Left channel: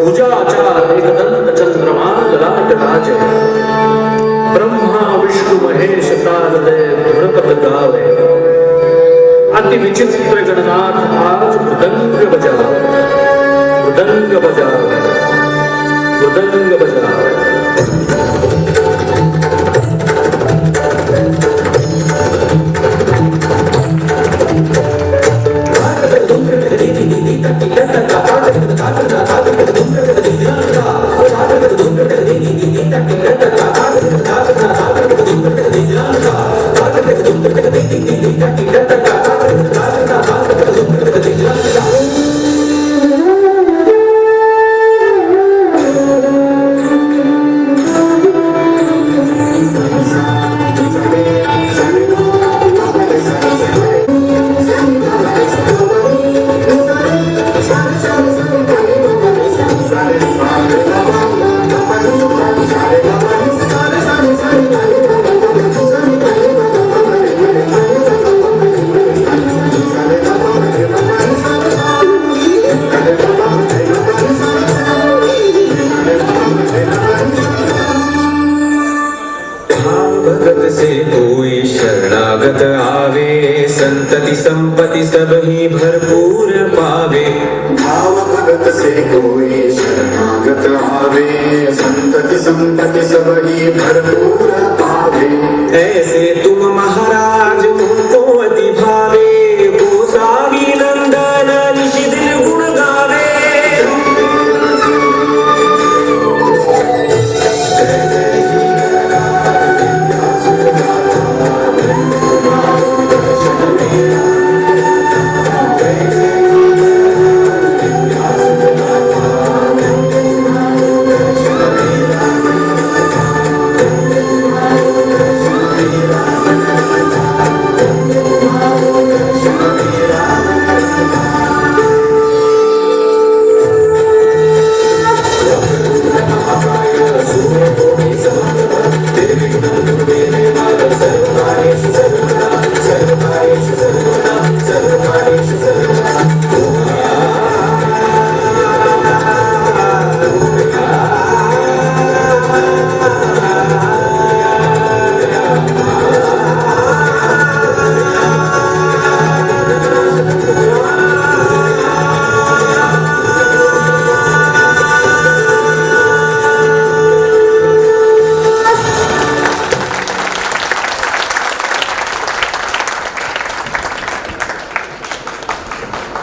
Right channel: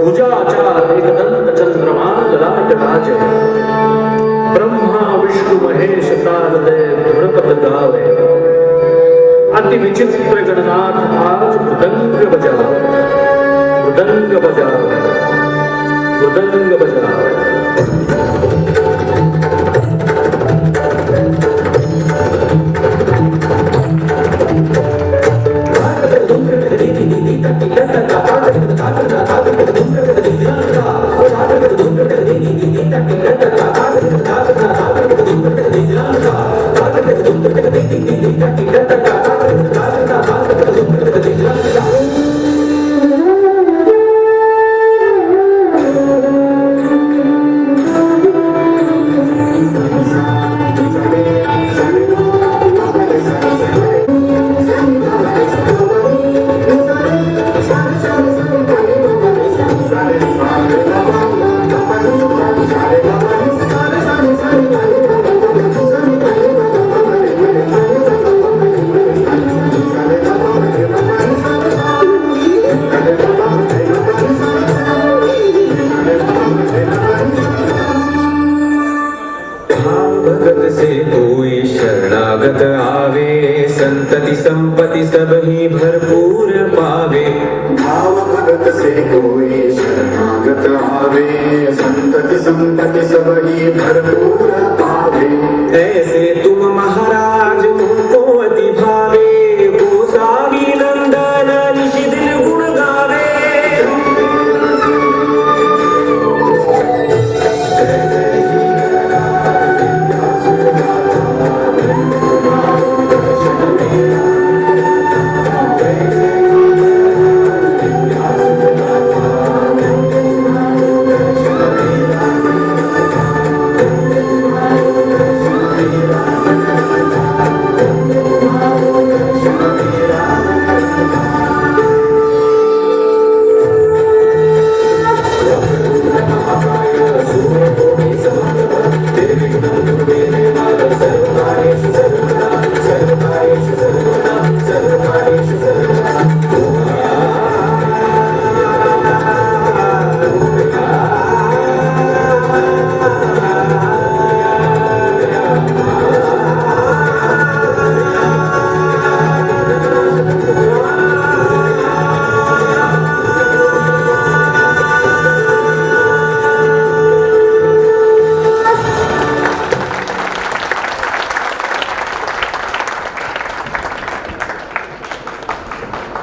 पूजा आचार एकदंत चंद्रमा ललाट राज ब्रह्मा विष्णु महेश तारदय धुरपद गावे अति विचित्र गणनाथ आज मृदंग बजावे मृदंग बजावे मृदंग बजावे संतति संपत्ति सब ही भरपूर पावे। भाव भगत से कोई शरणागत आवे, संतति संपत्ति सब ही भरपूर